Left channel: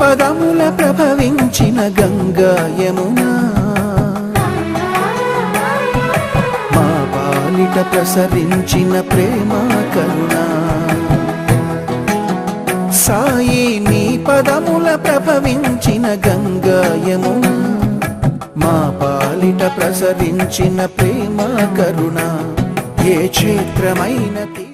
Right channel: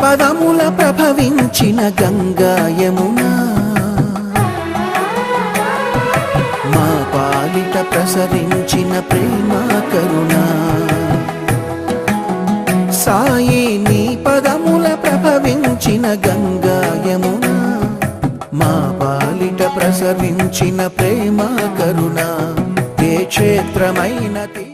పదముల ప్రభవించిన గంగా యమునా మా పాలిట ప్రసరించిన ప్రేమ కరుణ సాయి నీ పదముల ప్రభవించిన గంగా యమునా మా పాలిట ప్రసరించిన ప్రేమ కరుణ ఏ క్షేత్రమైనది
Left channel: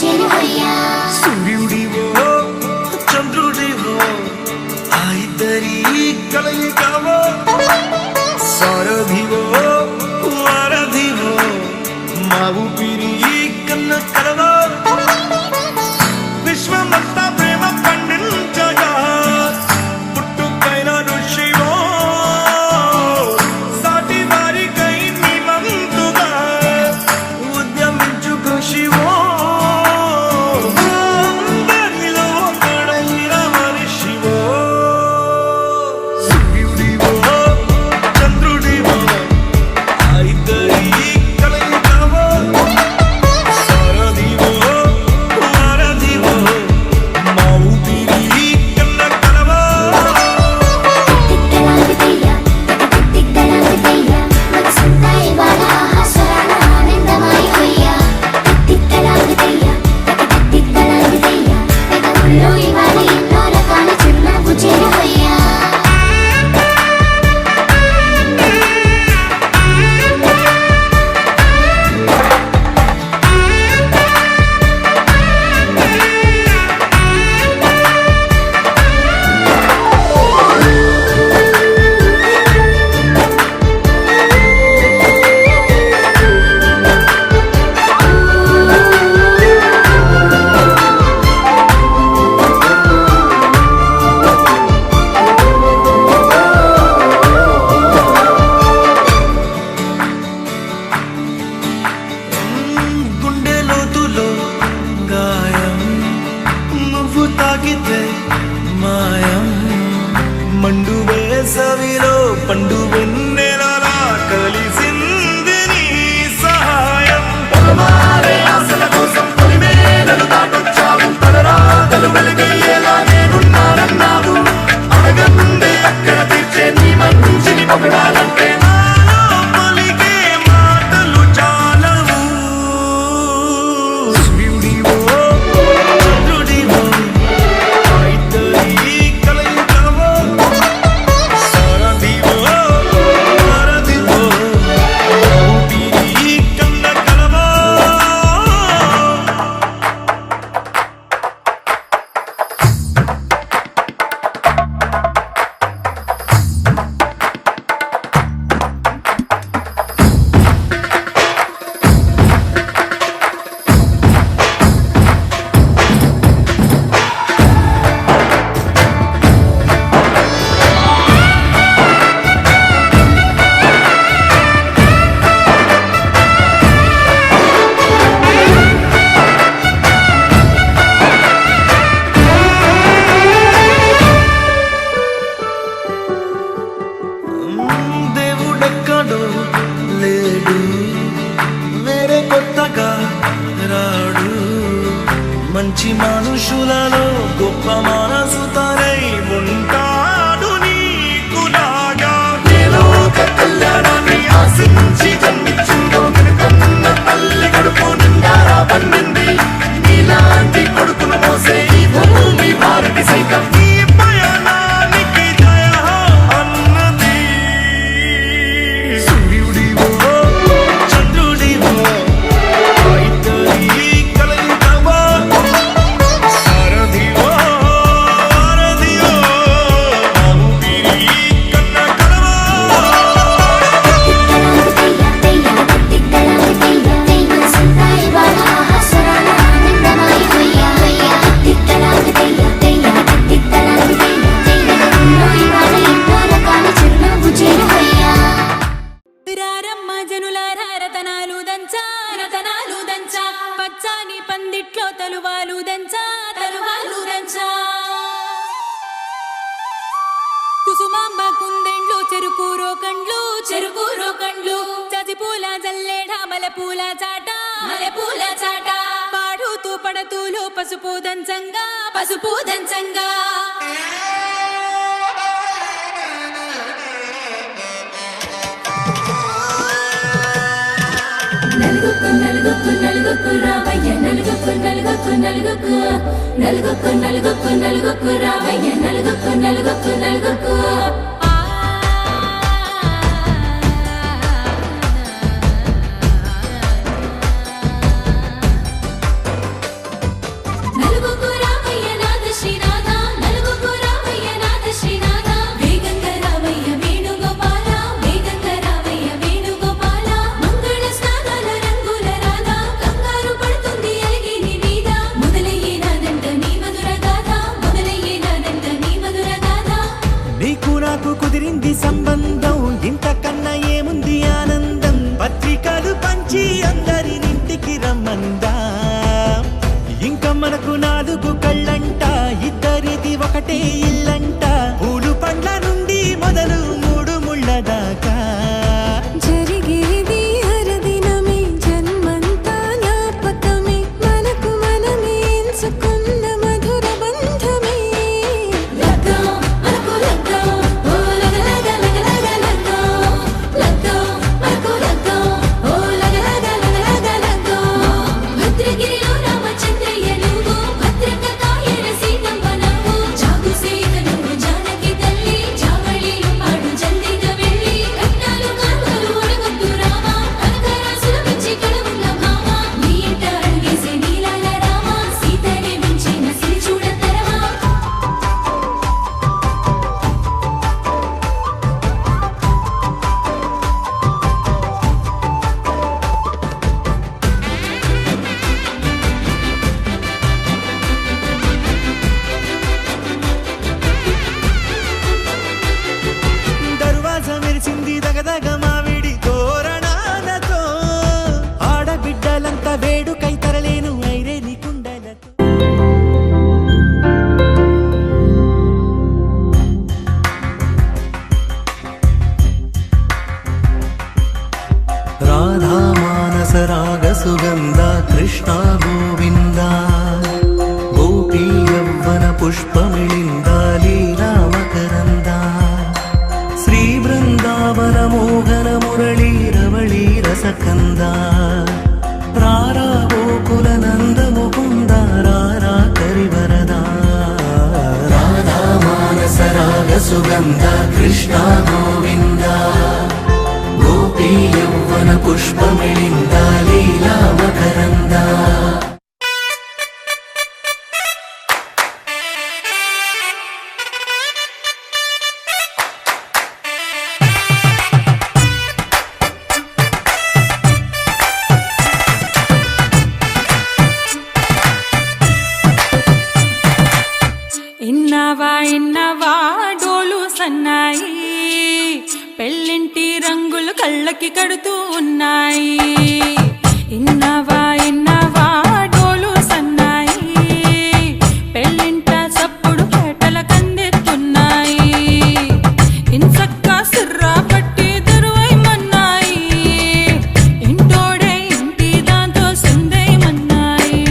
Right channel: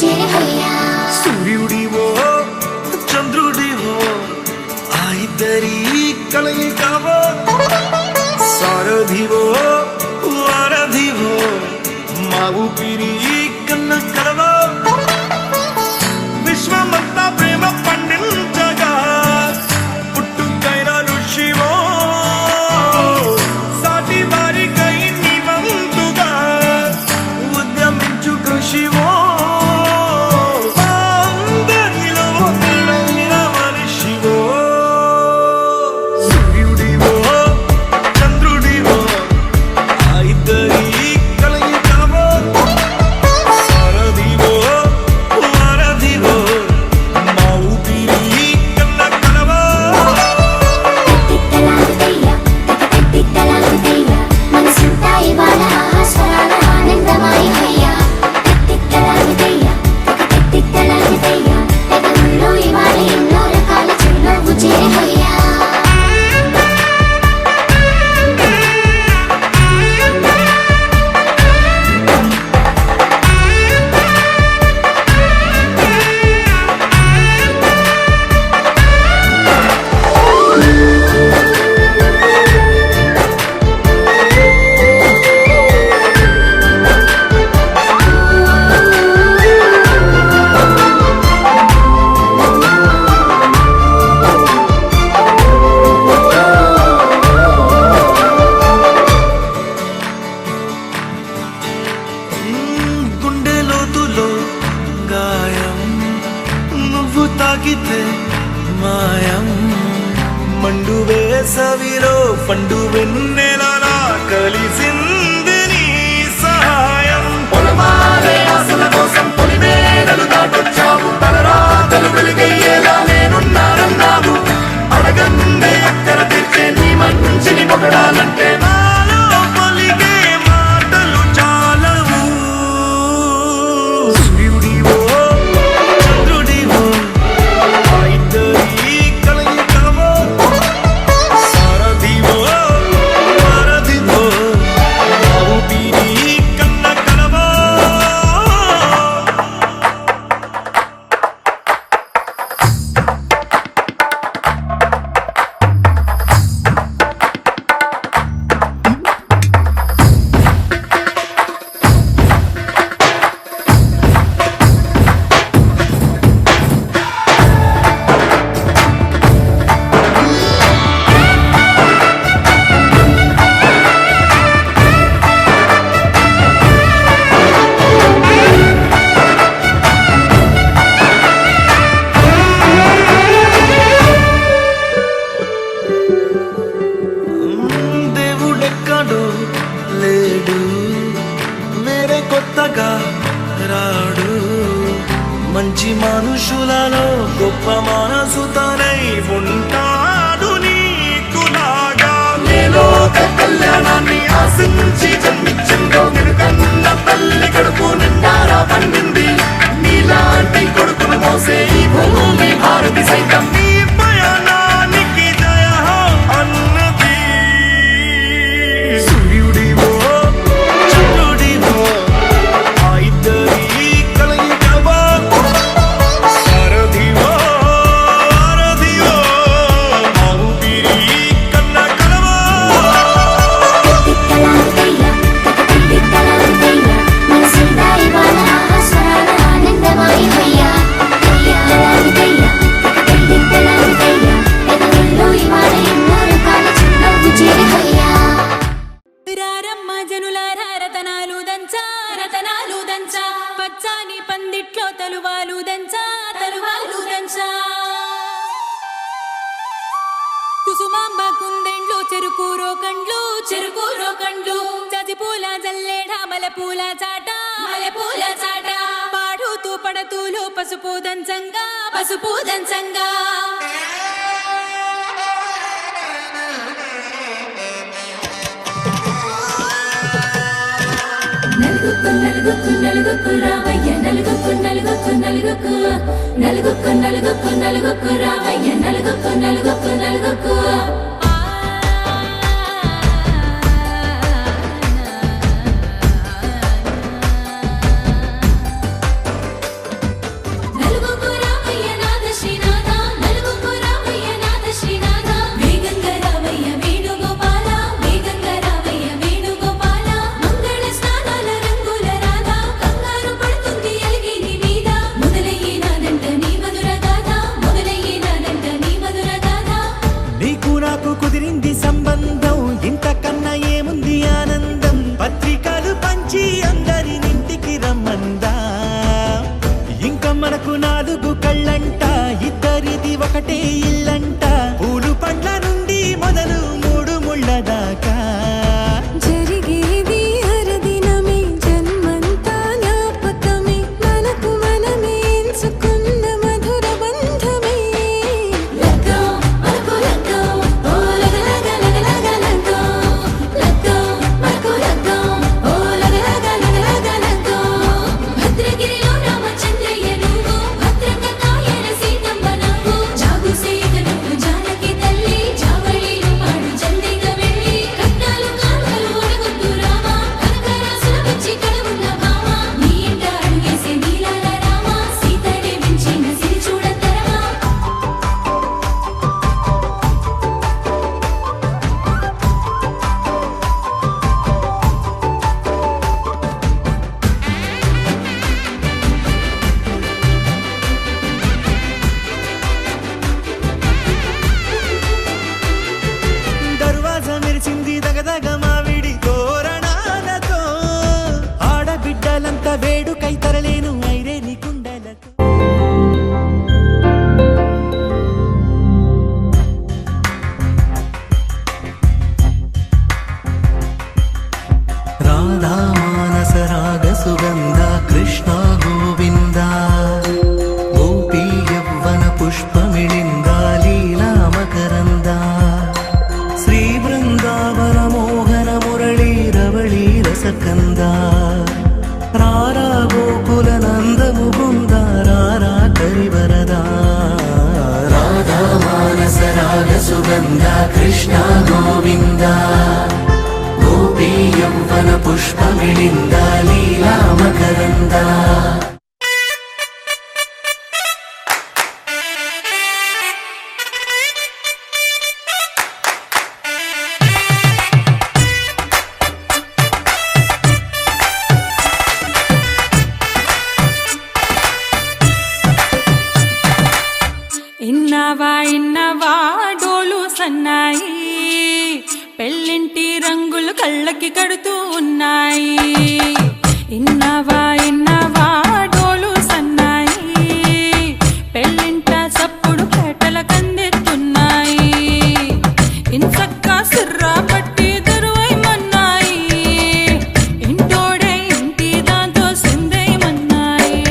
చేరిపోయా. సూర్యుడివో చంద్రుడివో ఆ ఇద్దరి కలయికవో, సారథివో వారధివో మా ఊపిరి కన్న కలవో, విశ్వమంతా ప్రేమ పండించగా పుట్టుకైన ఋషివో, సాటి వారికై నివంతుగా ఉద్యమించు కృషివో, అందరిలో ఒకడైన మనిషివో. సూర్యుడివో చంద్రుడివో ఆ ఇద్దరి కలయికవో, సారథివో వారధివో మా ఊపిరి కన్న కలవో. తిక్కలాగుతయ్యా, తిక్కలాగుతయ్యా, మనసంతా ఇవాళ ఆస్వాదన ఆనందమయమయ్యా. తిక్కలాగుతయ్యా, తిక్కలాగుతయ్యా, పెదవుల్లో ఇవాళ ఎన్నో రకాల చిరునవ్వు చేరిపోయా. గుండె లోతులో గాయం నువ్వు తాకితే మాయం, మండు వేసవిలో పండు వెన్నెలలా కలిసింది నీ సహాయం. పొలమారే ఆశల కోసం పొలిమేనలు దాటొచ్చావు, తలరాతలు వెలుగయ్యేలా నేనున్నానన్నావు. అడగందే అక్కర తీర్చే నీ మంచిని పొగడాలంటే నాలో పలికే మాటలు చాలవు. సూర్యుడివో చంద్రుడివో ఆ ఇద్దరి కలయికవో, సారథివో వారధివో మా ఊపిరి కన్న కలవో. దేవుడెక్కడో లేడు, వేరే కొత్తగా రాడు. మంచి మనుషులలో గొప్ప మనసు తనై ఉంటాడు నీకులాగా. నేలోక కళ్యాణాన్ని ఆశించి జన్మించిందో వెనుకన్న తల్లి కడుపు నిండారా పండింది. నీలాంటి కొడుకును మోసే ఈ భూమి భారతి సైతం నీ పయనానికి జయ అన్నది. సూర్యుడివో చంద్రుడివో ఆ ఇద్దరి కలయికవో, సారథివో వారధివో మా ఊపిరి కన్న కలవో. తిక్కలాగుతయ్యా, మనసంతా ఇవాళ ఆస్వాదన ఆనందమయమయ్యా. తిక్కలాగుతయ్యా, తిక్కలాగుతయ్యా, పెదవుల్లో ఇవాళ ఎన్నో రకాల చిరునవ్వు చేరిపోయా. రారమ్మ జనులారా రతనాలు దంచా, రతనాలు దంచా, పచ్చాని పందిట్లో తలువాలు దంచా, తలువాలు దంచా. కుసుమాంబ కుందెండ్లు చెరుకు రోకండ్లు, చెరుకు రోకండ్లు, చజిపూల జల్లేడ మలపూల చాట, మలపూల చాట, పాడుతూ పడతూలు పసుపు దంచంగా, పసుపు దంచంగా. నలుగుకు నలుగుకు నలుగుకు రావయ్య, నలుగుకు నలుగుకు నలుగుకు, నలుగుకు నలుగుకు నలుగుకు రావయ్య, నలుగుకు నలుగుకు నలుగుకు. బంధం ఇంతకన్నా ఏముంది ఆనందం పత్రికలు పంచి అందరినింటికి రమ్మందా ఇంకా మనకు 4 కళ్ళంట ఇద్దరిది ఒకటే ఇల్లంట పూలు పండ్ల నుండి మొదలు 3 ముళ్ళ దాకా జరిగేది హరదినమే జన్మంతా జ్ఞాపకమే మనకు మనమే ఎంచుకున్న మధుర బంధమే లగ్గో మనకు లగ్గో ఓ లగ లగ లగ లగ లగ్గో లగ్గో మనకు లగ్గో ఓ లగ లగ లగ లగ లగ్గో భద్రగిరిలో రామచంద్రయ్య నువ్వు భద్రంగా కాయన సీతమ్మ నువ్వు జాగు సేక నువ్వు జానకి తల్లి జావళిలో పాడు జల్దిగా వెళ్ళి కట్నాలు కానుకలు ఒడగొద్దు రామా కనకరాసుల పిచ్చి కడవుల భామ నీ ఇంట అడుగేసే నీలాల రామ సీతనే మించిన సిరి చూడతరమా దర్వాజ మెరిసింది దగదగ మావిడి తోరణాలతో ఆడబిడ్డలంతా వేడుకై తరలేను ఐరే నీ కుండలతో రాధా మానస రాగ సుగంధ కృష్ణ గోవింద గోపీ యవ్వన పుష్పమిళింద లీలా మకరంద శ్రీ బృందావన మోహన మురళీ రవళీ రసకంద రారా గోకుల నంద ముకుంద రారా కరివరద రాధా మానస రాగ సుగంధ కృష్ణ గోవింద గోపీ యవ్వన పుష్పమిళింద లీలా మకరంద ఇన్నవా డోలు సన్నాయి పెళ్ళింటి రంగులు కళ్ళకి కడుతూ ఉన్నాయి ఇన్నవా డోలు సన్నాయి పెళ్ళింట సప్పుడు పేటల కందెత్తున్నాయి ఇన్సక్క సిర్రా పట్టి దరువైమన్నాయి ఇంటోడే ఇంటి దాంతో సిందేయమన్నాయి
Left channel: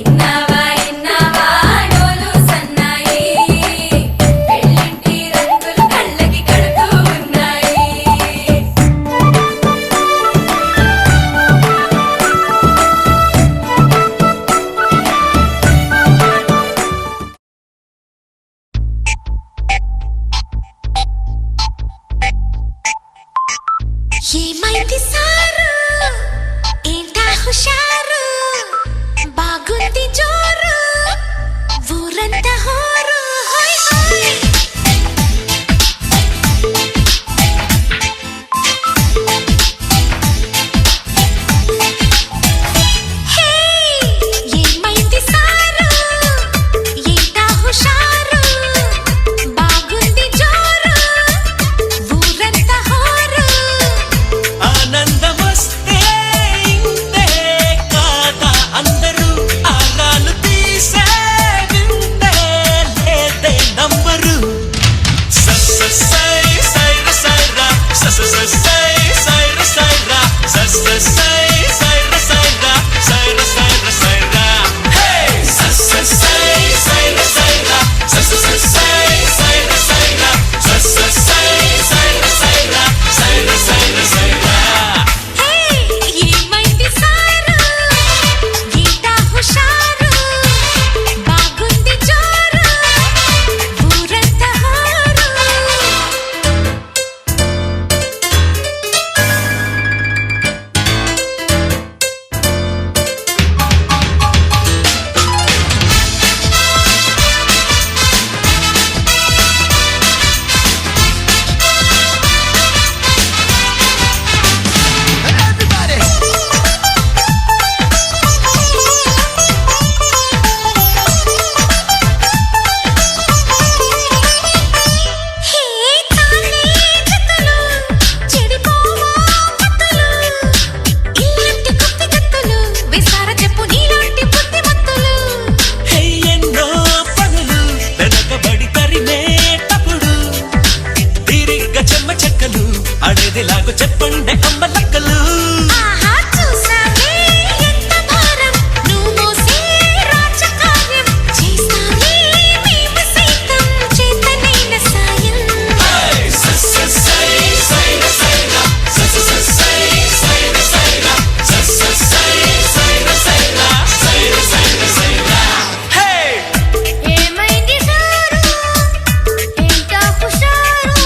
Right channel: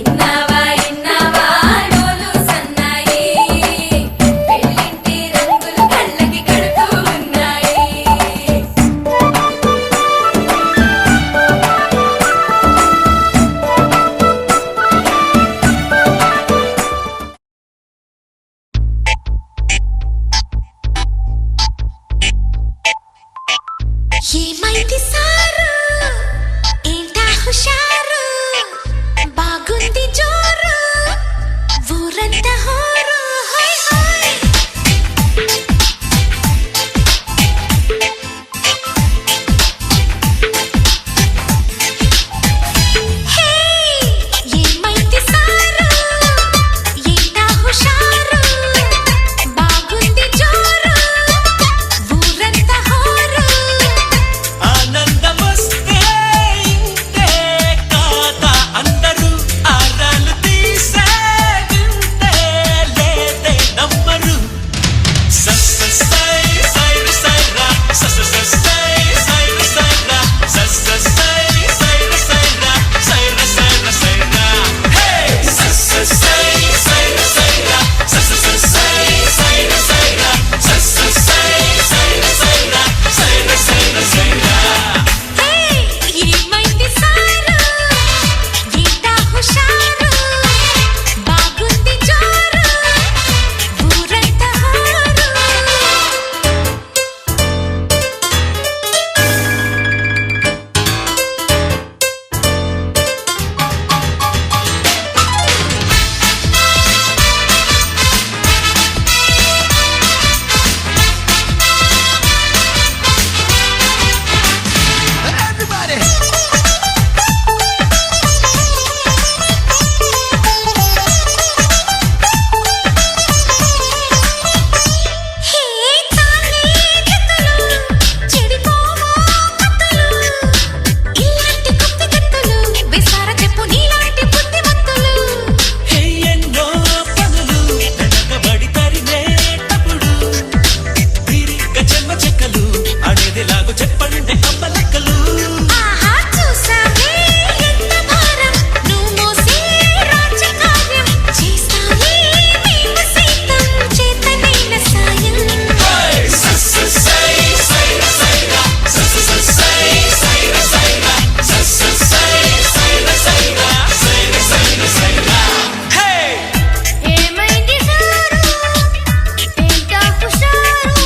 ఇన్నవా డోలు సన్నాయి పెళ్ళింటి రంగులు కళ్ళకి కడుతూ ఉన్నాయి ఏమైంది సారు ఏంటా హుషారు బాగుంది జోరు ఊరంతా హోరు హోయ్ హోయ్ హే ఏమైంది సారు ఏంటా హుషారు బాగుంది జోరు ఊరంతా హోరు ఆనందమస్తే ఇంతే కాదా అందరూ ఆరాలు తీసే వింతే లేదే నమ్మరు చెక్కలు అడేదిలాగో చెప్పండి అమ్మ లెక్కలు ఆహా చూసావే ఎంత భారం నువ్వు మోసే రాజకార్యం చేస్తావే మేము సైతం చేతనైన సాయం ఏమైంది సారు ఏంటా హుషారు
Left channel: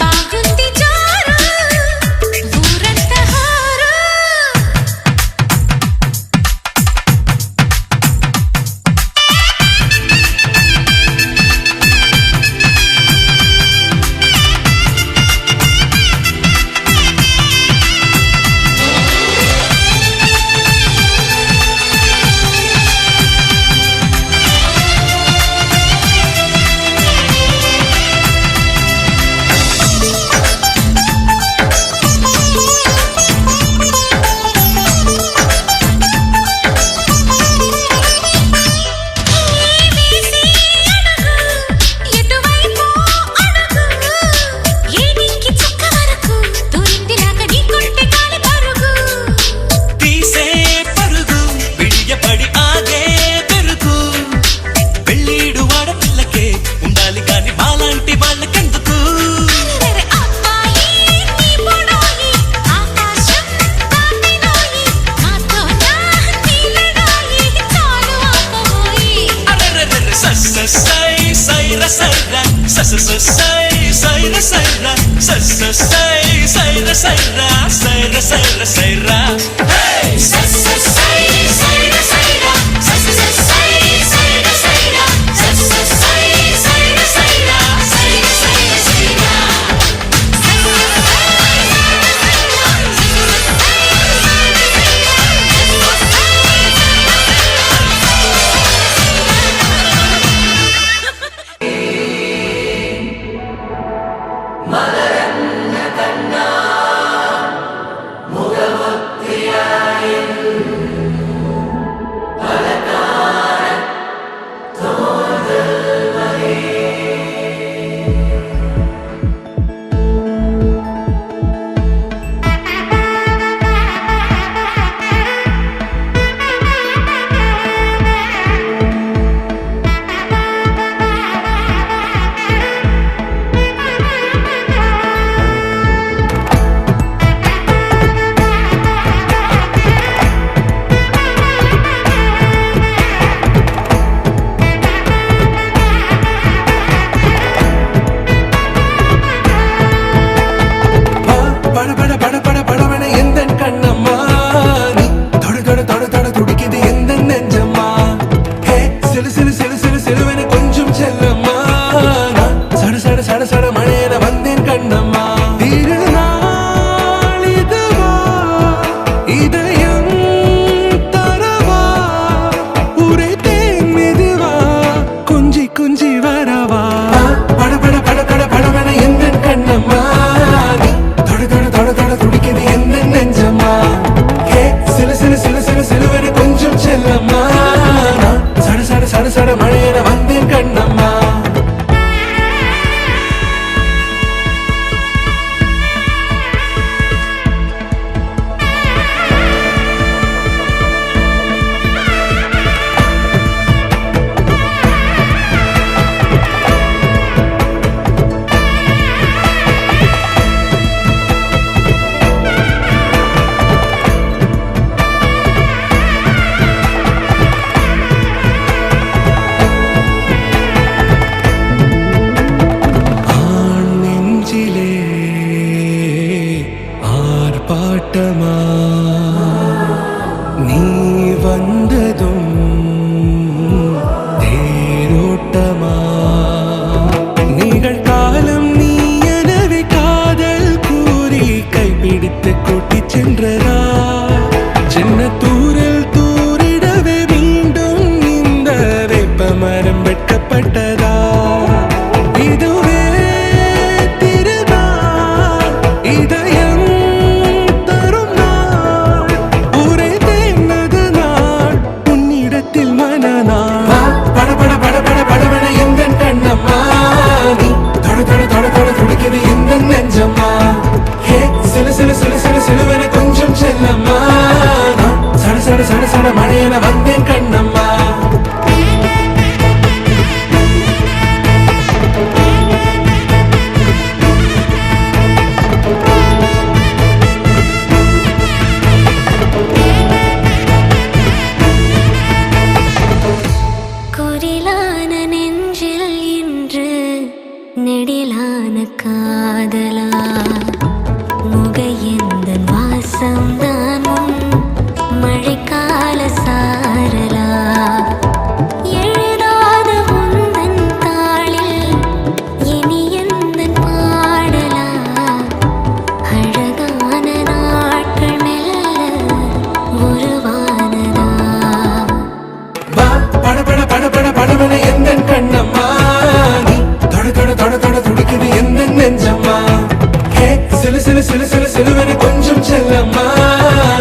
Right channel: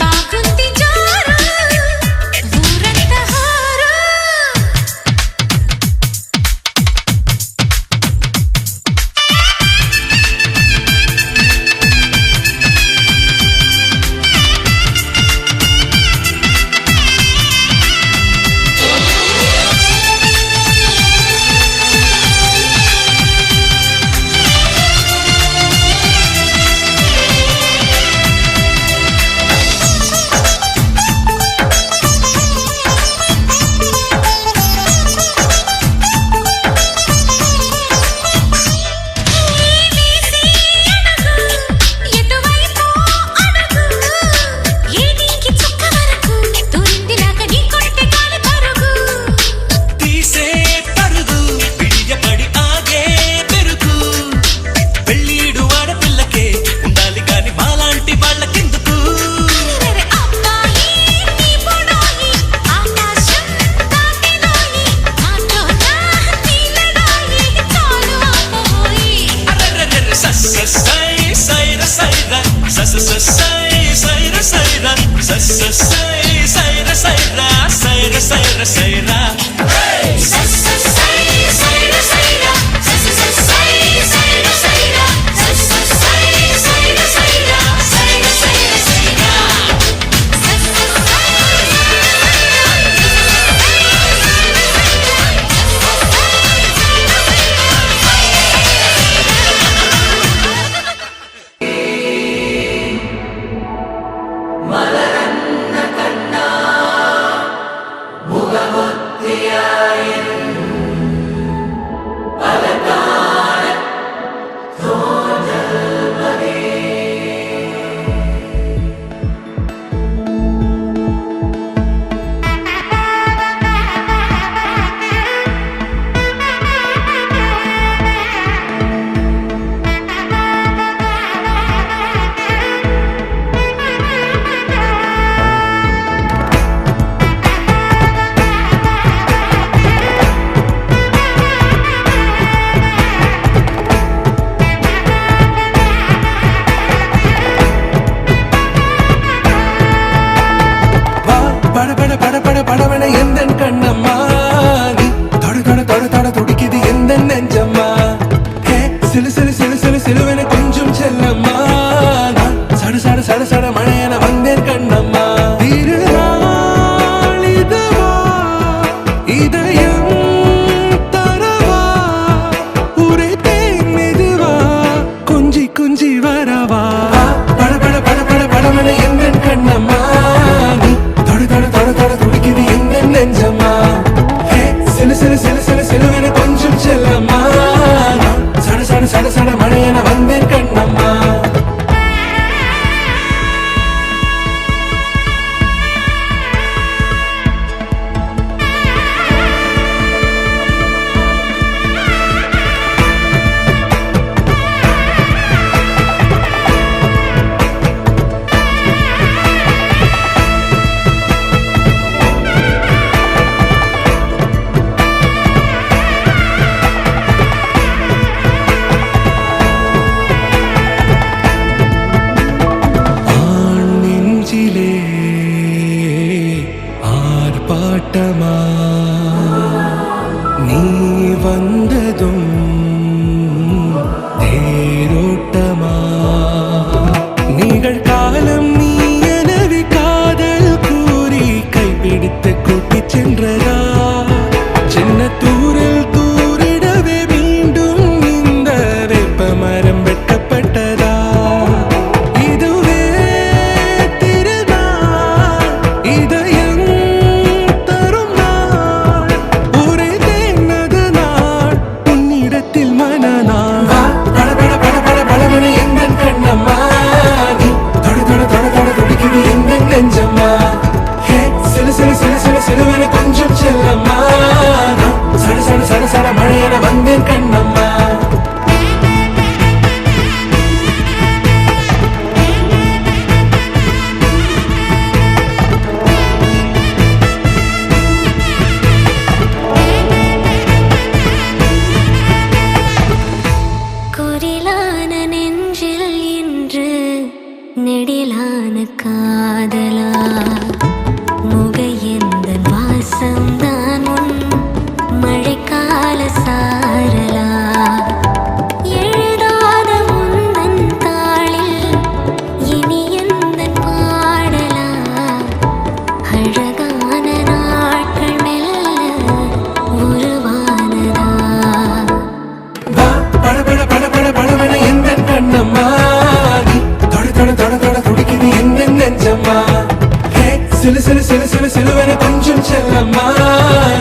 బాగుంది జోరు ఊరంతా హారు వేసి అడుగు ఎటువైపు అడుగు ఏడింకి చుక్క వరకు దూరిందిలాగా నీ కొంటె గాలి పరుగు తీసే పరుగు పిడియపడి ఆగే పెరుగు పెళ్ళీడు ఆడపిల్లకే ఉండాలి కాని మాలాంటి వాళ్ళకెందుకు అరెరెరె అబ్బాయి నీ పొడోయి ఆకాశం దాటినోయి మాతో నా నీలడాయి చాలు ఆపబోయి అరెరెరెరె సై సైర సైర సై సైర సైర సై సైర సైర సైర సైర సైర படபட எந்தன் கண்ணம்மா நீ தொட தொட தொட தொட துடிக்குது எந்தன் நெஞ்சம்மா ஹே சிலு சிலு சிலு சிலு சிலுவென கொஞ்சம் செல்லம்மா நான் சட சட சட சட மழையென வந்தேன் கண்ணம்மா திருநாள் இதுவா இதயம் தரவா உரைத்தேன் மெதுவா கொஞ்சி கொஞ்சி வரவா படபட படபட படவென எந்தன் கண்ணம்மா நீ தொட தொட தொட தொட துடிக்குது எந்தன் நெஞ்சம்மா ஹே சிலு சிலு சிலு சிலு சிலுவென கொஞ்சம் செல்லம்மா நான் சட சட சட சட மழையென வந்தேன் கண்ணம்மா ஆண் நெஞ்சிலே ஆர்ப்பாட்டமா நீ வந்ததும் தேரோட்டமா நிகழ்காலம் நீ எனவே காதல் கூறி கைப்பிடித்து கூட்டிச் சென்றதா சின்ன தூரில் தூரிடவே மீண்டும் இந்த வேப்ப மரம் வெட்கப்பட்டதா இதுவே திருநாள் இதயம் தரும் நாள் ஒரே தேனது நாள் உன்னிடத்தில் மனநாள் பட பட பட பட படவென எந்தன் கண்ணம்மா நீ தொட தொட தொட தொட துடிக்குது எந்தன் காதலா முகையெந்தன் வாசம்தான் உன் மழைக்கால சாரலா எழுதாத உந்தன் தாளில் இனி எந்தன் பாடலா அழகான நாட்கள் மெல்ல உருவானதா வா படபட படபட படபட எந்தன் கண்ணம்மா நீ தொட தொட தொட தொட துடிக்குது எந்தன் நெஞ்சம்மா ஹே சிலு சிலு சிலு சிலு சிலுவென கொஞ்சம் செல்லம்மா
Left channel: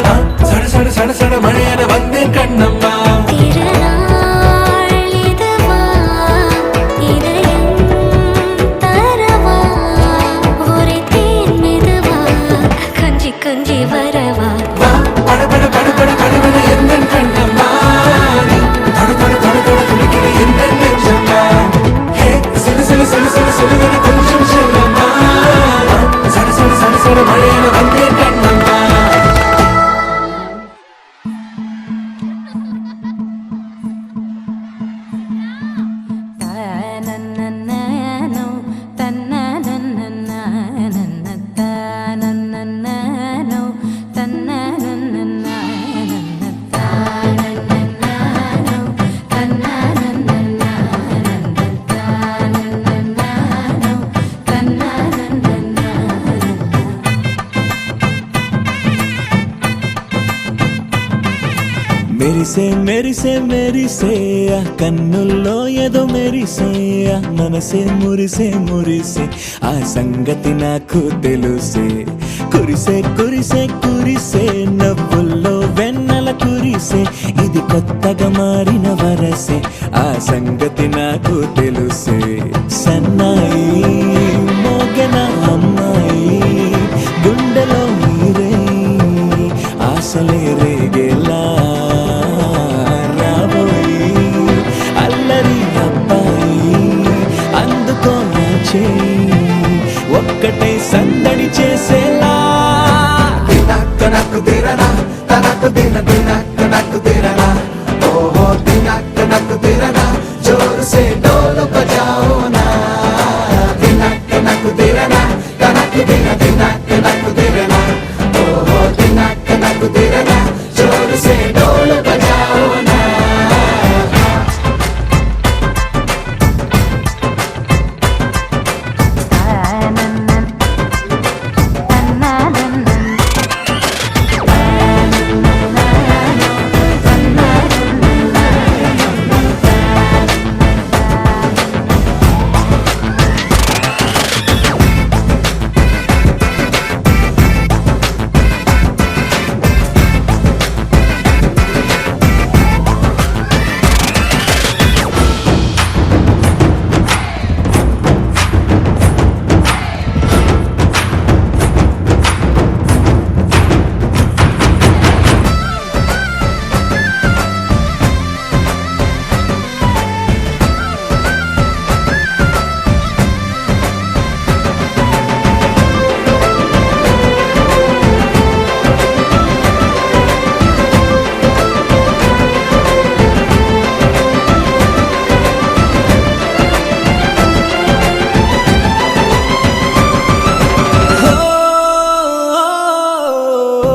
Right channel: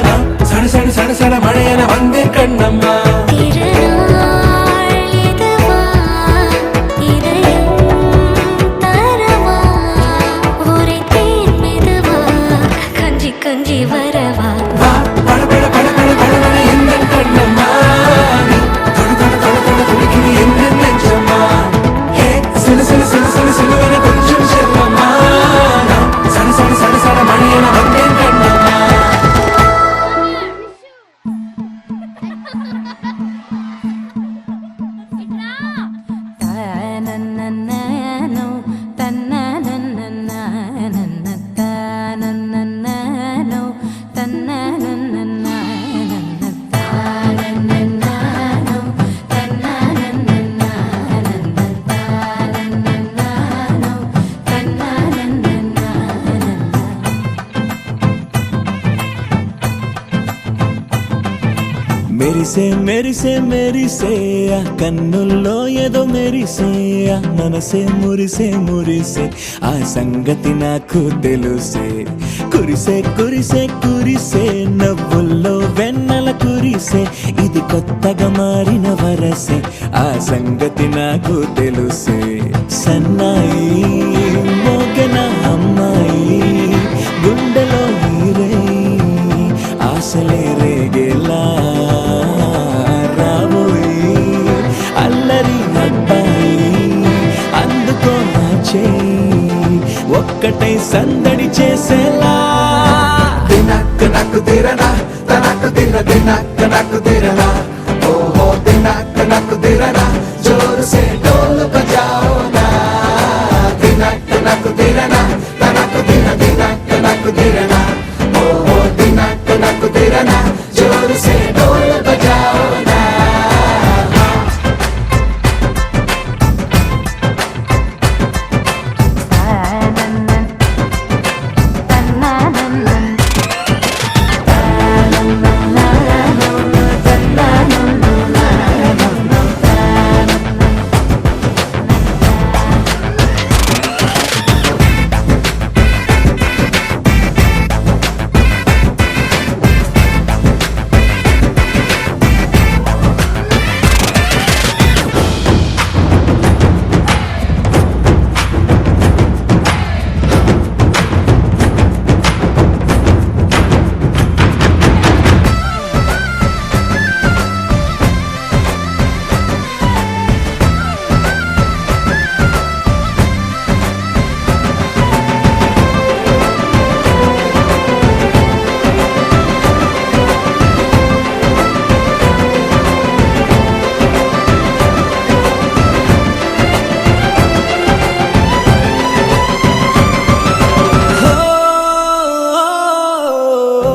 நான் சட சட சட சட மழையென வந்தேன் கண்ணம்மா திருநாள் இதுவா இதயம் தரவா ஒரே தேன் மெதுவா கஞ்சி கஞ்சி வரவா வா படபட படபட படபட எந்தன் கண்ணம்மா நீ தொட தொட தொட தொட துடிக்குது எந்தன் நெஞ்சம்மா ஹே சிலு சிலு சிலு சிலு சிலுவென கொஞ்சம் செல்லம்மா நான் சட சட சட சட மழையென வந்தேன் கண்ணம்மா తననననో తనననననన తననననో తనననననన తననననో తనననననన తనననననో తనననననన మెరిసే మెరిసే మెరిసే ఆ కన్నుల్లో ఏదో మెరిసే ఆ మనసే మురిసే మురిసే ఆ సంగతి నాకు తెలుసే కురిసే కురిసే కురిసే నవ్వుల్లో వెన్నెల కురిసే ఇది కొత్తగా మారిన వరసే ఆ సంగతి నాకు తెలుసే సన్నాయి మోగెన అమ్మాయి గుండెలో ఈరే ఆశలే రేగేలా రాబోయి అల్లరి అబ్బాయి అందుకో నా చేయి ఒక్కటై సందడి చేసేలా దినక్క నాకు దిరనా తనకు దిన దినక్క నాకు దిరనా ఓహో దినక్క నాకు దిరనా జోరు సే డోలు బజాओ నా దినక్క నాకు దిరనా తనకు దిన దినక్క నాకు దిరనా ఓహో దినక్క నాకు దిరనా జోరు సే డోలు బజాओ నా తనననన తనననన తననననో తననననన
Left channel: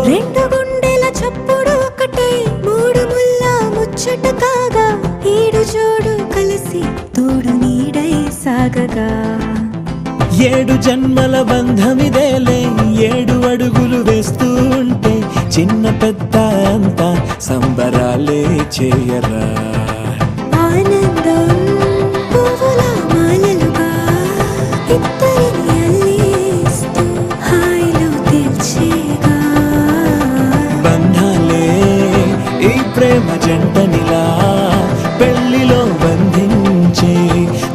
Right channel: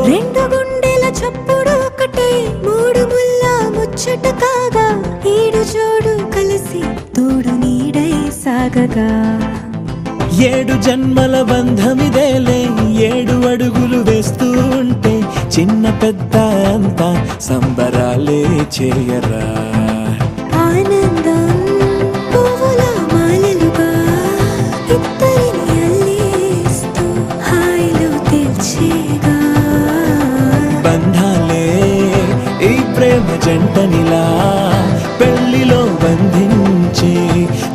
రెండు గుండెల చప్పుడు ఒకటే మూడు ముల్ల ముచ్చట కాగా ఈడు జోడు కలిసి తోడు నీడై సాగగా ఏడు జన్మల బంధమిదేలే ఏడు అడుగులు వేస్తూ ఉంటే చిన్న పెద్ద అంతా సంబరాలే చేయరా ఆనందం పువ్వుల మాలలుగా ఇద్దరిని అల్లేస్తూ హాయిలో తెల్చేగా బంధాలే ఈ ప్రేమ జంటనిలా పెళ్లిలో బంధించే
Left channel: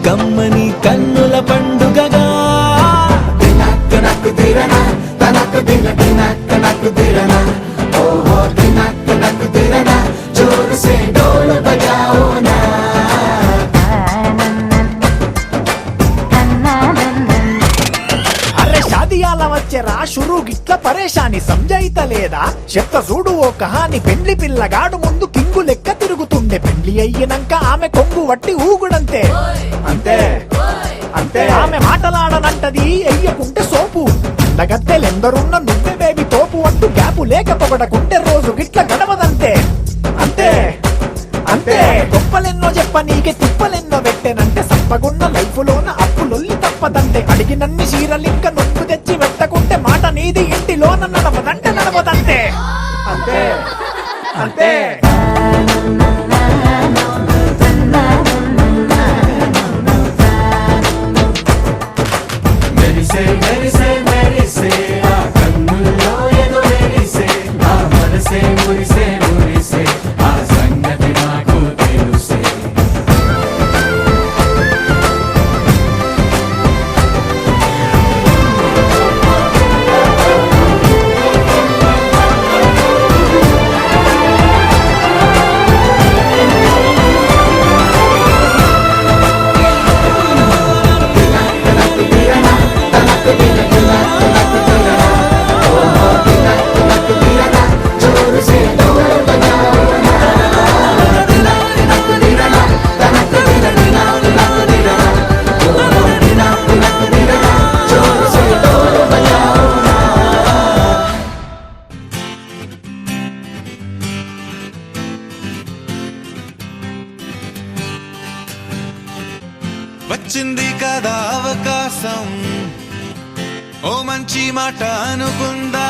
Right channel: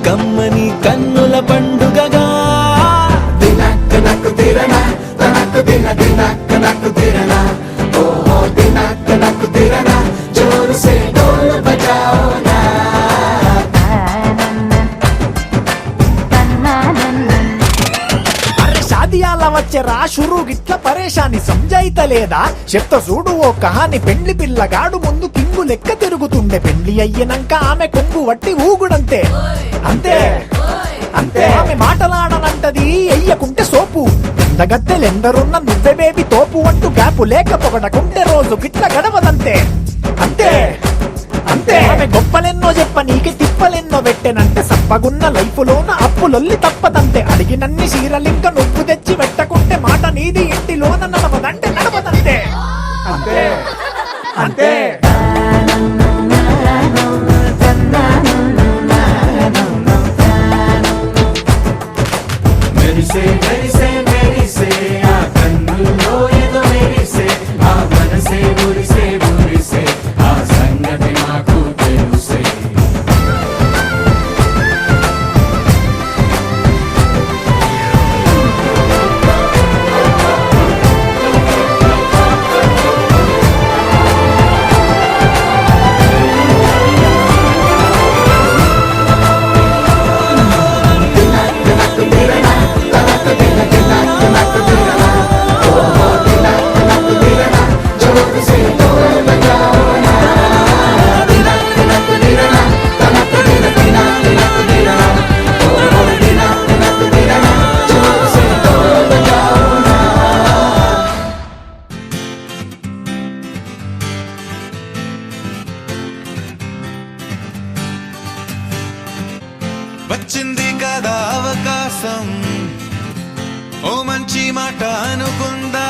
కమ్మని కన్నుల పండుగగా దినక్క నాకు దిరనా తనకు దిన దినక్క నాకు దిరనా ఓహో దినక్క నాకు దిరనా జోరు సే డోలు బజాओ నా అరే షాదియాల వచ్చెరా షురు గిట్ల పరేషాని సంజాయితలేదా చెత్త చూడు ఓ కహాని పెళ్లి పిల్లగాడు ముందు కింగు లెక్క తిరుగుతుండే పెళ్లి అయ్యినంక ఆమె కొంగు వట్టి ఊగుడంతే అంతే అంతే ఆమె మాటలాడనంటది అయ్యకుంటే సో కోసం ఓ మంచి మాట అనుకుందా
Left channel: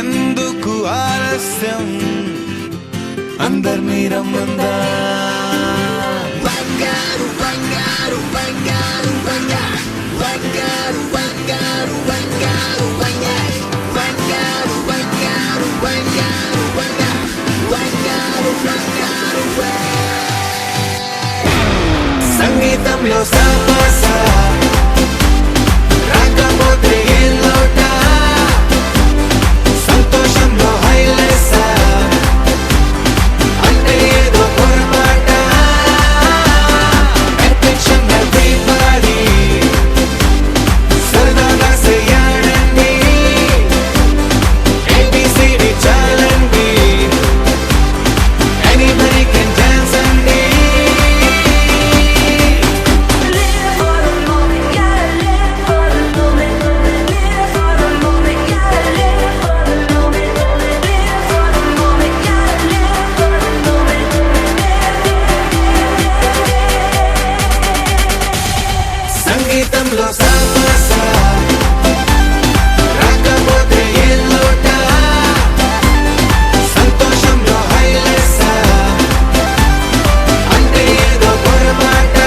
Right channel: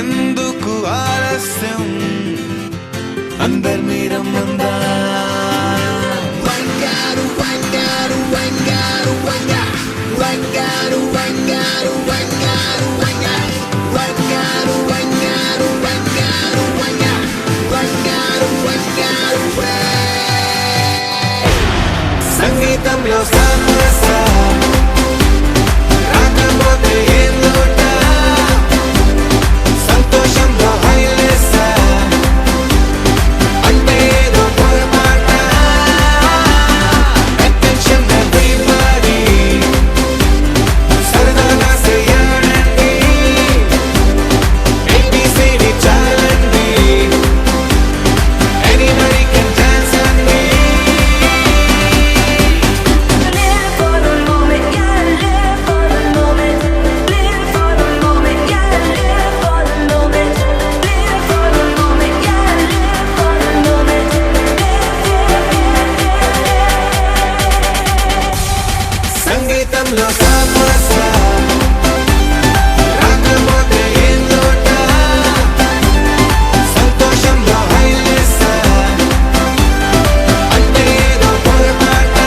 ఎందుకు ఆలస్యం అందర్నీ రమ్మందా సంగీతంలో సాపస రాకపోతే ఏం లోట సంతోషంలో హైలేస అంటే ఏదో పొరపాట అటెన్షన్ ఎవ్రీబడీ సరదాగా చెయ్యాడండి ABCD చాలండి ఎనీబడీ కెన్ డాన్స్ అండి Live for the moment, gotta live for the moment. Live for the moment, gotta live for the moment. Live for the moment, gotta live for the moment. సంగీతంలో సాపస రాకపోతే ఏం లోట సంతోషంలో హైలేస అంటే ఏదో పొరపాట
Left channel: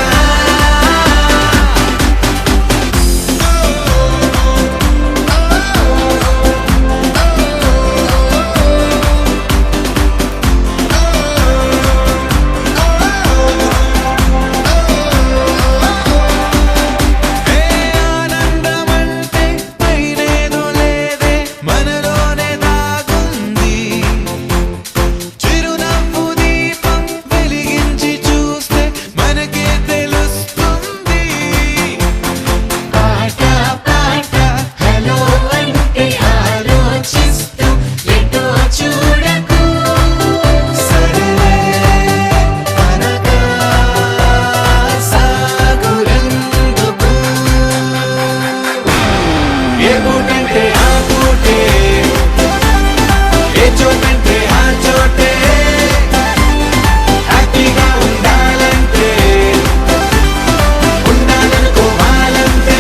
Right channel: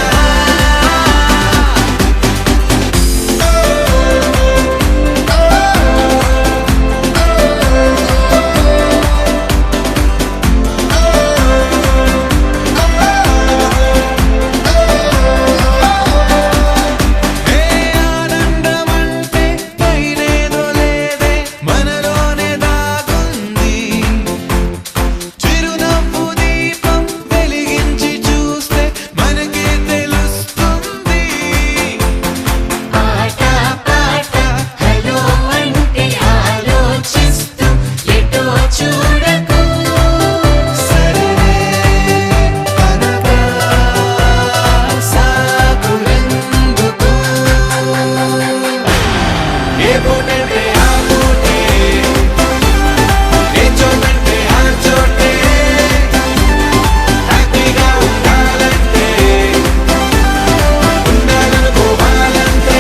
ఏ ఆనందమంటే పైనేదో లేదే మనలోనే దాగుంది చిరునవ్వు దీపం వెలిగించి చూస్తే మనకే తెలుస్తుంది ఆట పాట హలో అంటే ఆలోచిస్తూ ఎటో చూడకు సరే అనగా సాగురెందుకు ఏ పూటంటే ఆ పూటే ఏ చోటంటే ఆ చోటే హ్యాపీగా ఉండాలంటే ఉండాలనుకోవాలంటే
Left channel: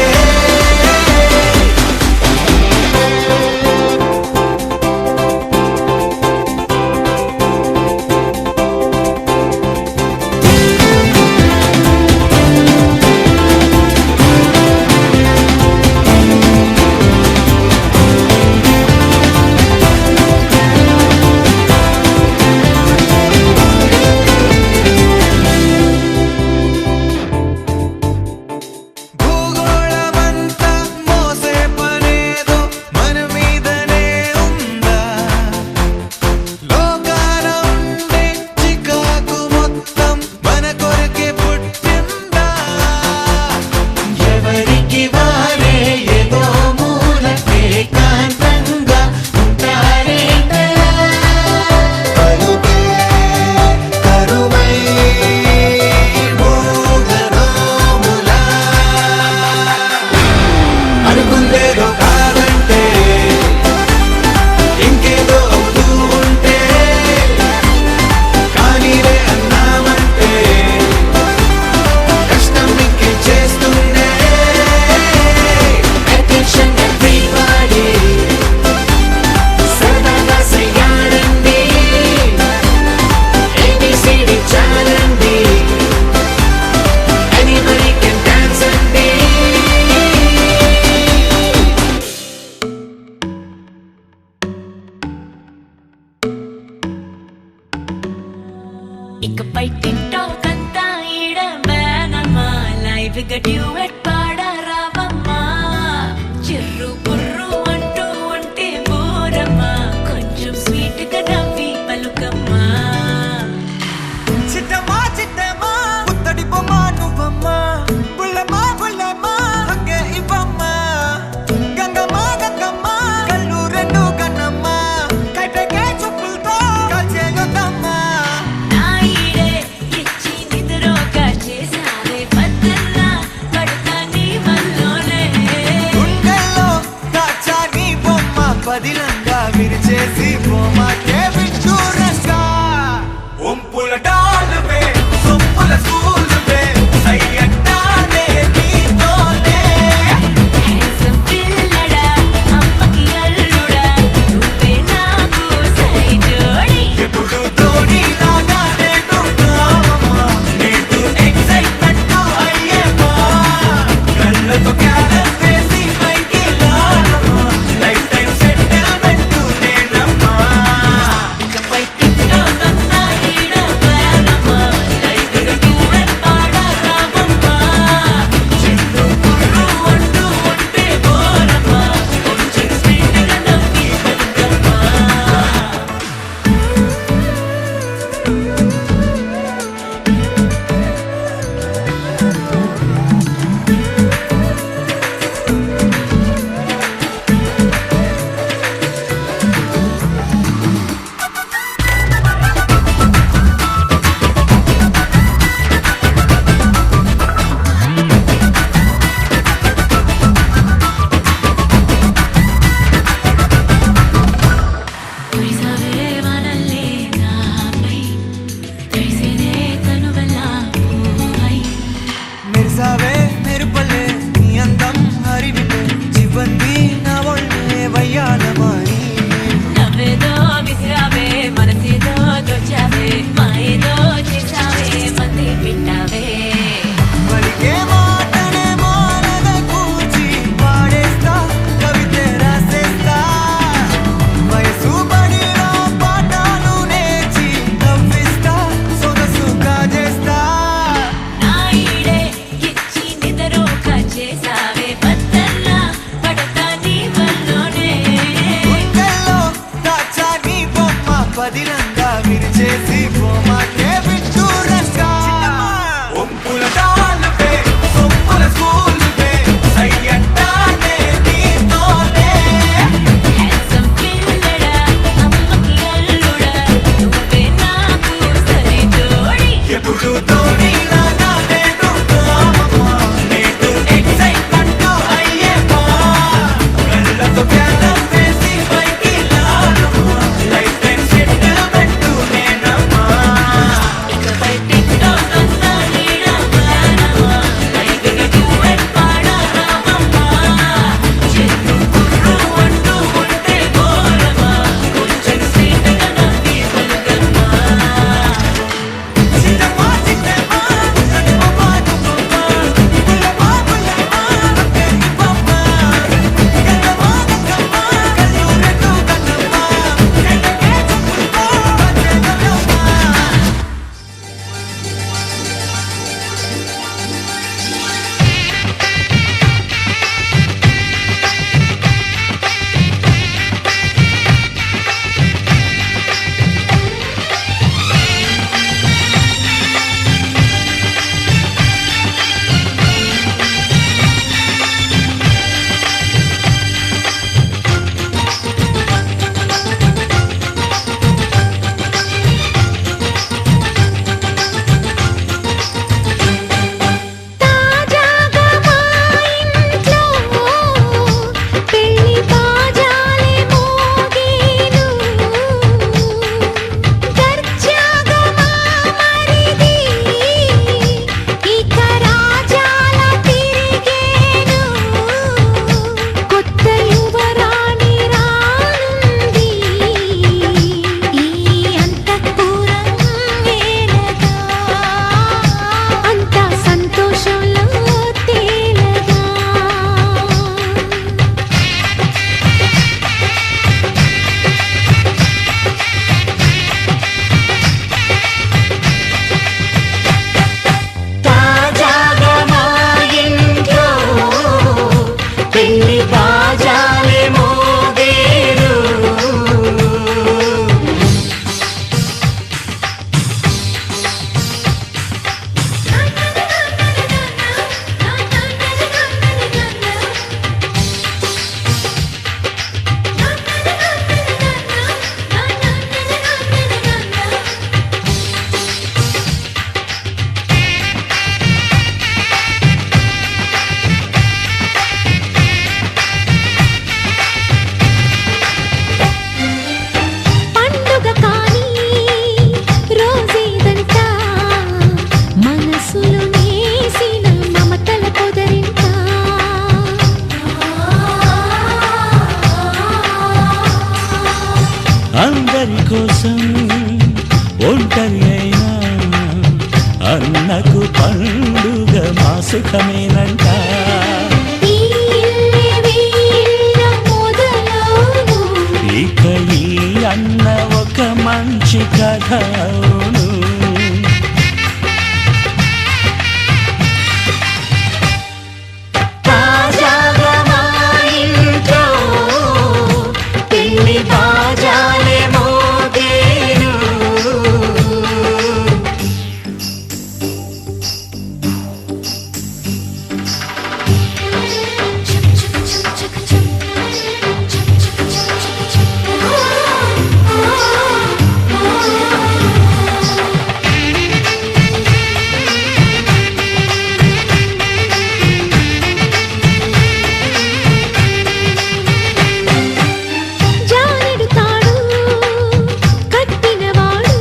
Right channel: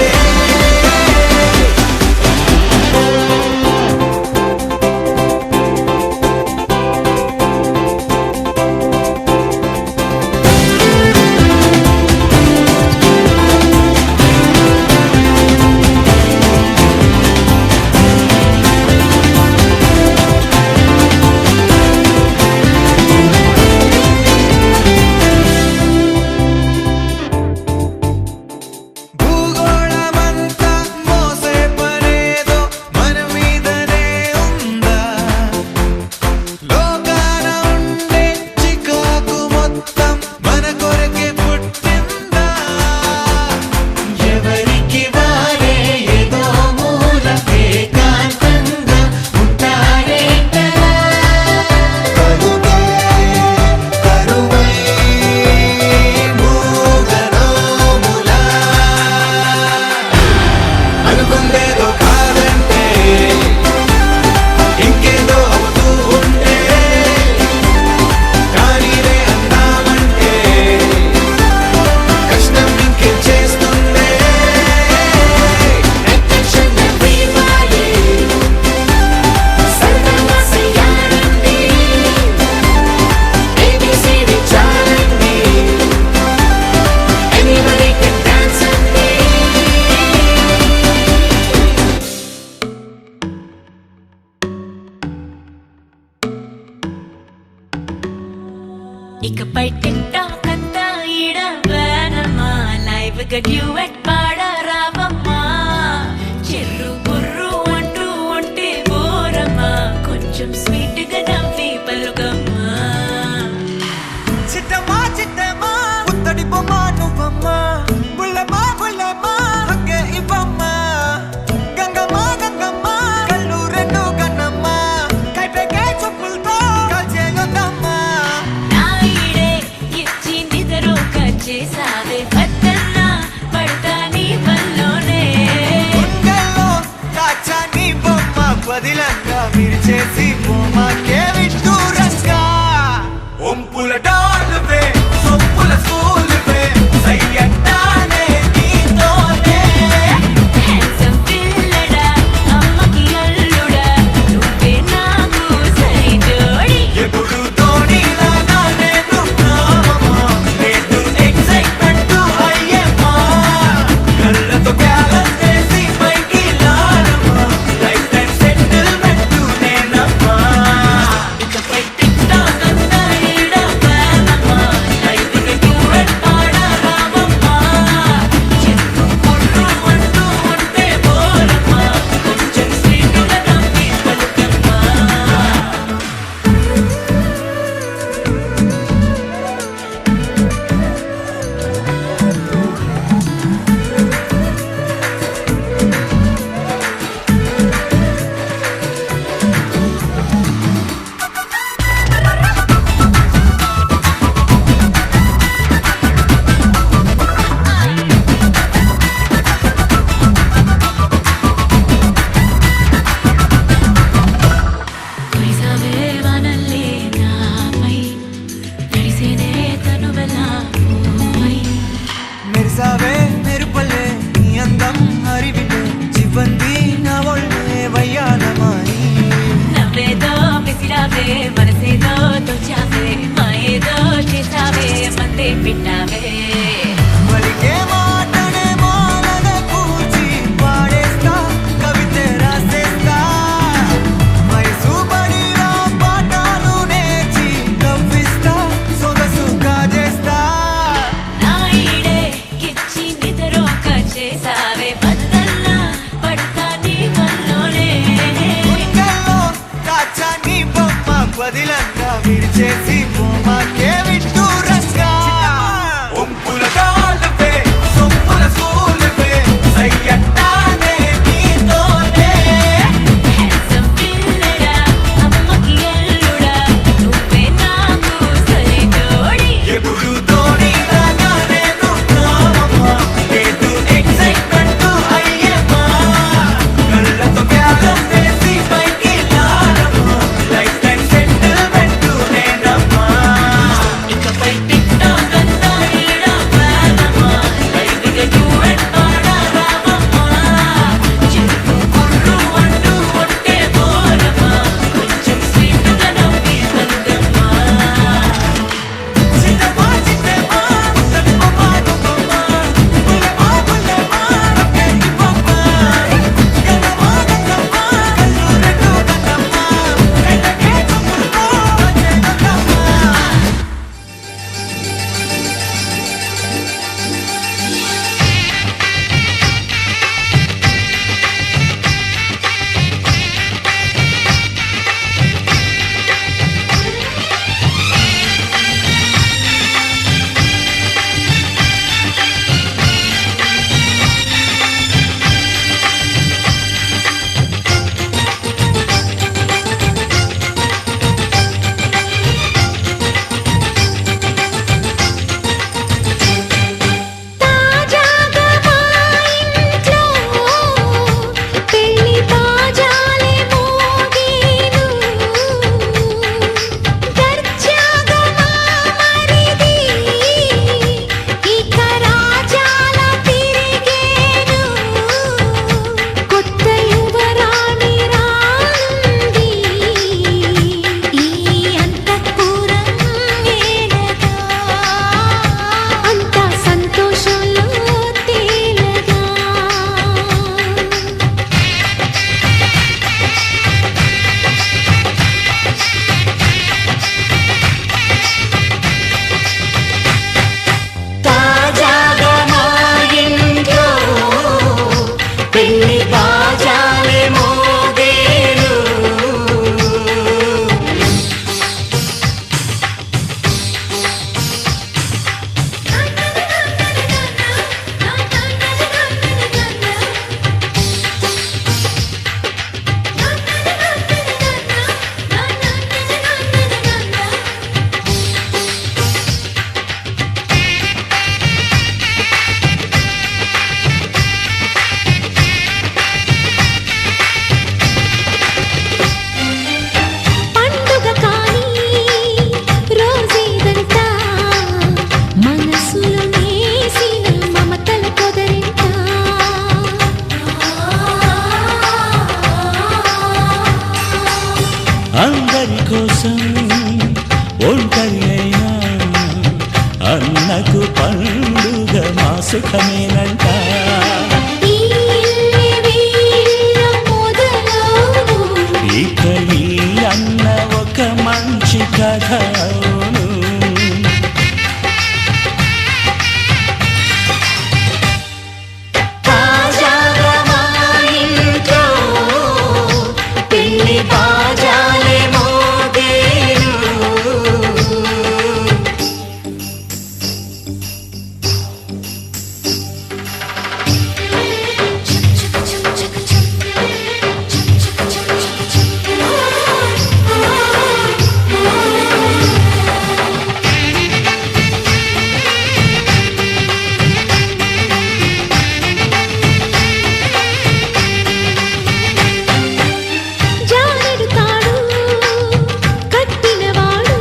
పెళ్లి బాజాలే మోగేను పండుగ కానీ రోజేదంట మనసులో నేసిన మమతల పొదరింట అందరి కోసం ఒంటరి అయినా అన్నకు పండుగ మా సుఖమేనంట ఈ వీళ్ళ మొదలవును ఇక ఈ అన్న ఒక మంచి కథ అవును తాజాగా మా ఇంట్లో పెళ్లి బాజాలే మోగేను జానెడు తాడు కట్టినవాడు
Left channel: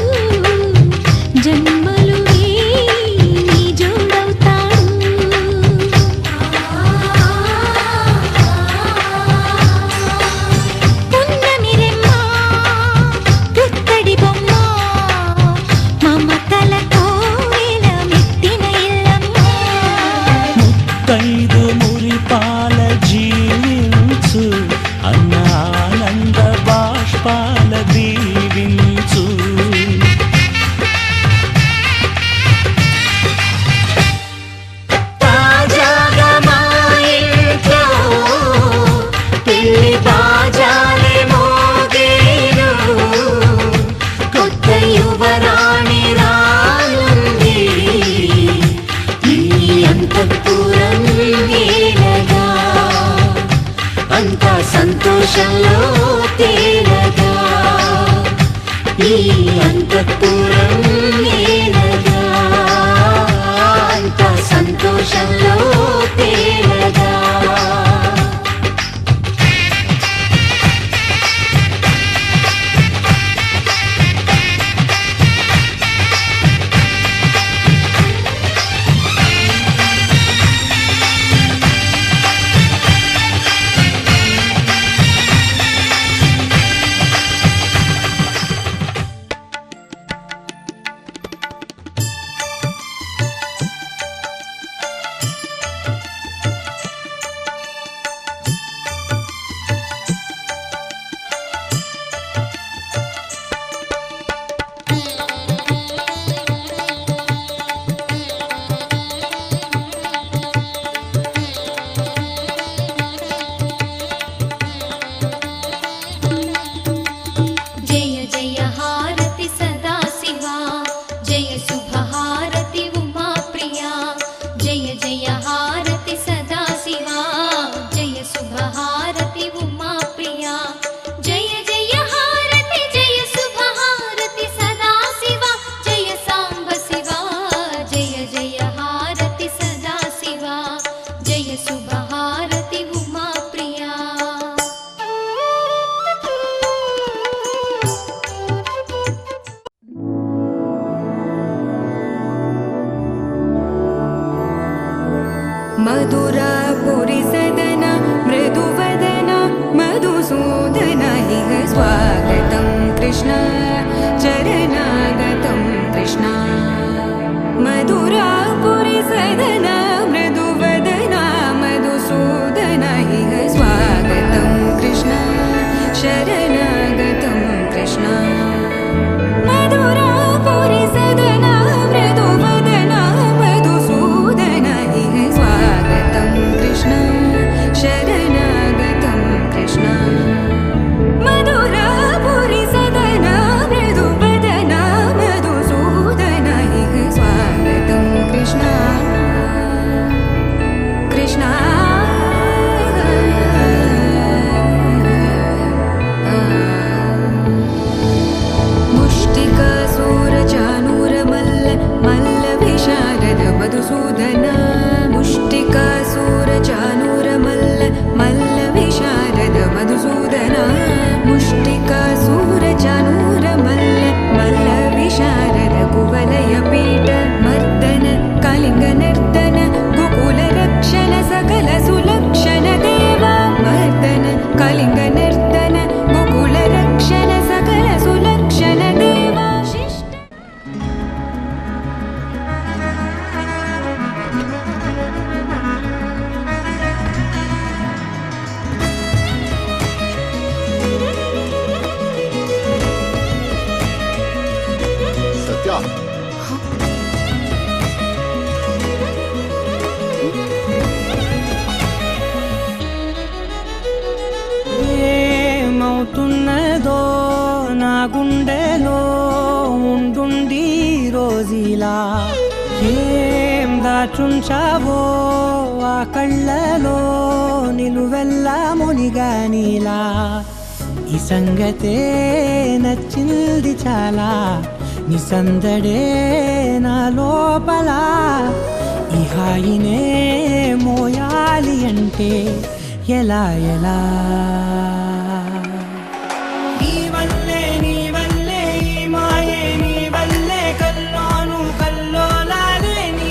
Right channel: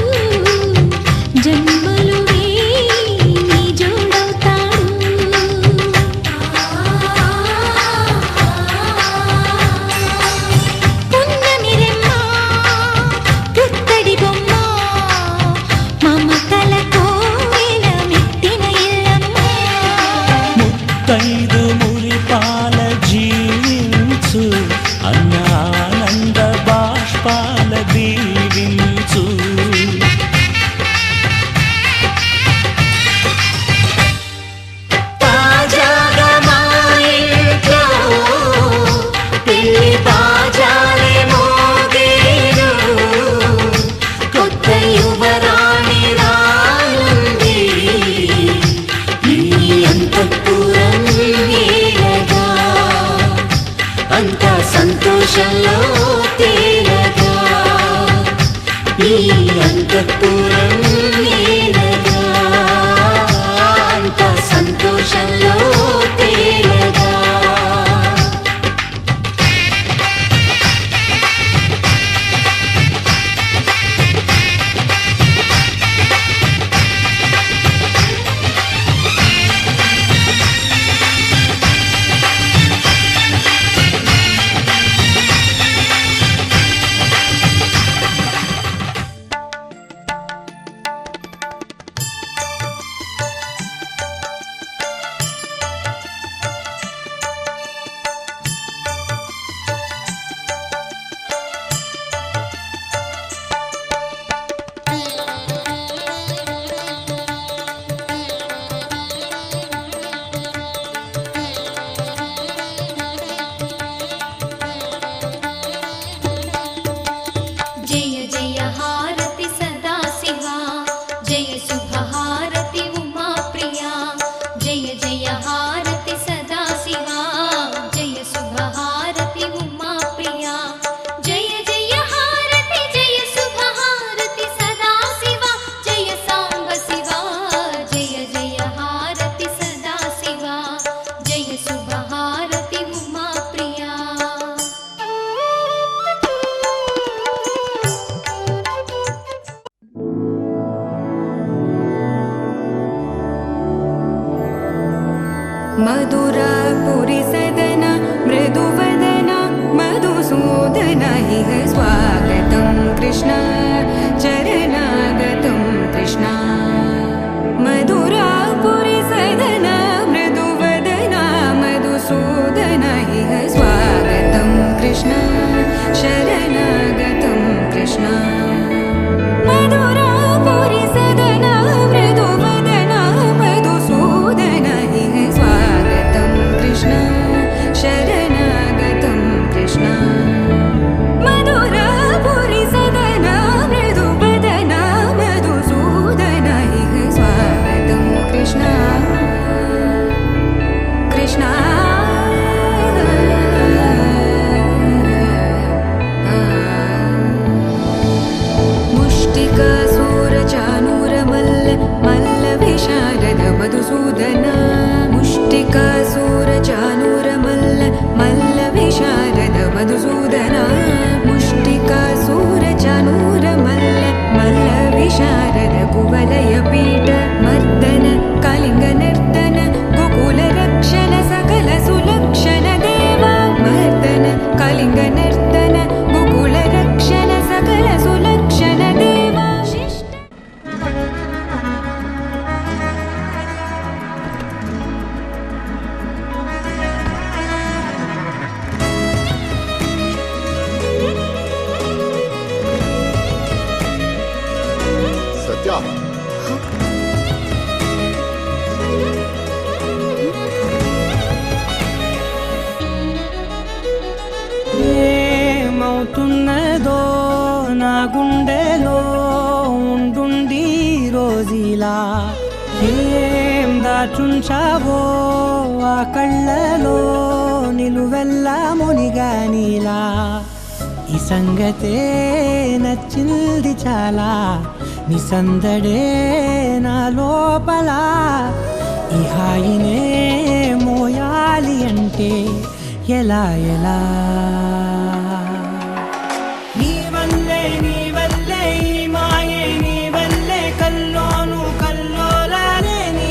జన్మలు నీ జోడవుతాడు పున్నమి రెమ్మ పుత్తడి బొమ్మ మమతల కోవెల మెట్టిన ఇల్లమ్మ ముత్తైదు మురిపాల జీవించు అన్న ఆనంద బాష్పాల దీవించు తాజాగా మా ఇంట్లో పెళ్లి బాజాలే మోగేను కొత్త యువరాణి రానుంది ఈ అంతఃపురం ఏలగా అంతా సంతోషంలో తేలగా ఈ అంతఃపురం ఏలగా అంతా సంతోషంలో తేలగా జయ జయ హారతి సదా శివా జయ శుభ హారతి ఉమా ప్రియా జయ జయ హారతి సదా శివా జయ శుభ హారతి ఉమా ప్రియా జయ జయ హారతి జయ శుభ హారతి సదా శివా జయ సాంబ శివా జయ జయ హారతి సదా శివా జయ శుభ హారతి ఉమా ప్రియా मधुरापुरी सदन मृदुवदन मधुसूदन इह स्वागतं कृष्ण चरणागतं कृष्ण मधुरापुरी सदन मृदुवदन मधुसूदन इह स्वागतं कृष्ण शरणागतं कृष्ण मधुरापुरी सदन मृदुवदन मधुसूदन इह स्वागतं कृष्ण शरण लिङ्गनर्तन गोकुलरक्षण सकल सुलक्षण देवाशिष्ट సత్య ఏమవుతున్నదో నా గుండెలో ఉండుండి రోజీలా ఏం దాచుంచావో ఆ కళ్ళలో నిలువెల్లా మునిగానిలా ఈ సంగతే నచ్చింది చాలా నీ సందడే నా లోపల ఈ హాయినే మోయాలి అంటే ఎలా ఎలా నీ వల్లే ఈ మాయే నీ వల్లే కల్లోను కల్లోలాలే నీ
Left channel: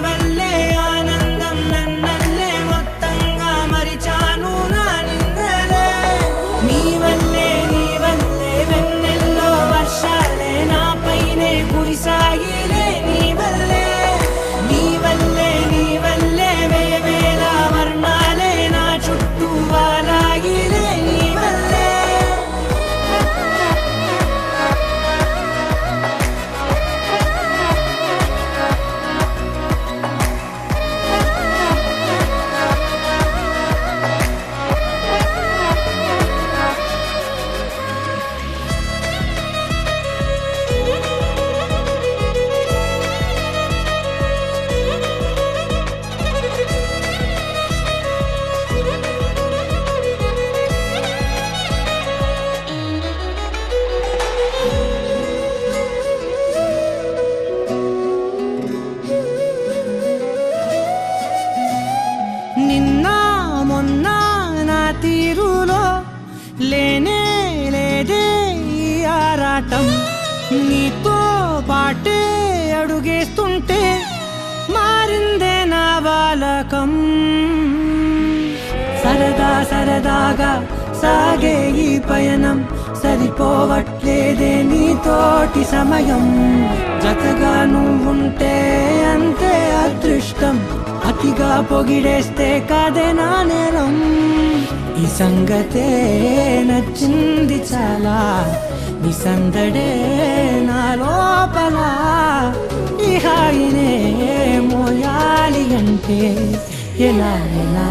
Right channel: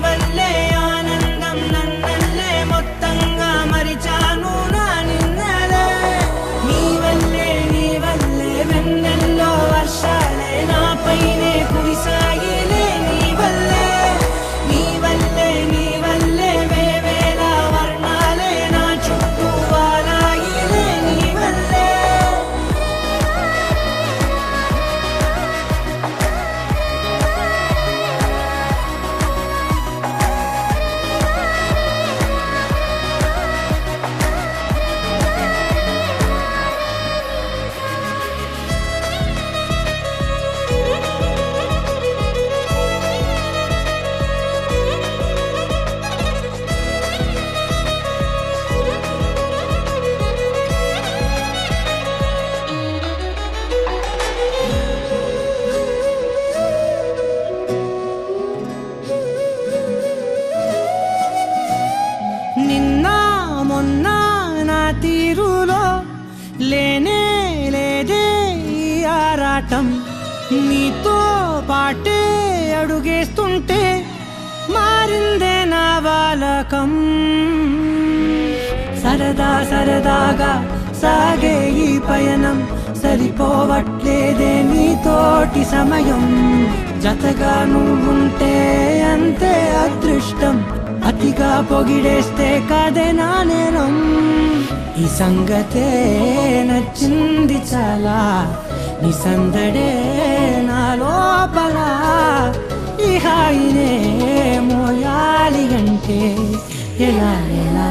వల్లే ఆనందం నన్నల్లే మొత్తంగా మరిచాను నా నిన్నలే నీ వల్లే వెన్నెల్లో వర్షాలే నాపైనే కురిసాయిలే నీ వల్లే వేవేల వర్ణాలే నా చుట్టూ వాలాయిలే నీ వల్లే నిన్న మొన్న నా తీరులో లేనే లేదే ఈ ఆరాటం నీతో పాటే అడుగేస్తుంటే మారిందే నా బాలకం సరదాగా సాగే ఈ పయనం సరిపోవట్లేదే నీతోటి సమయం జతగా నువ్వుంటే అంతే అదృష్టం అతిగా పొగిడేస్తే కాదే నా నేరం ఈ సంగతే నచ్చింది చాలా నీ సందడే నా లోపల ఈ హాయినే మోయాలి అంటే ఎలా ఎలా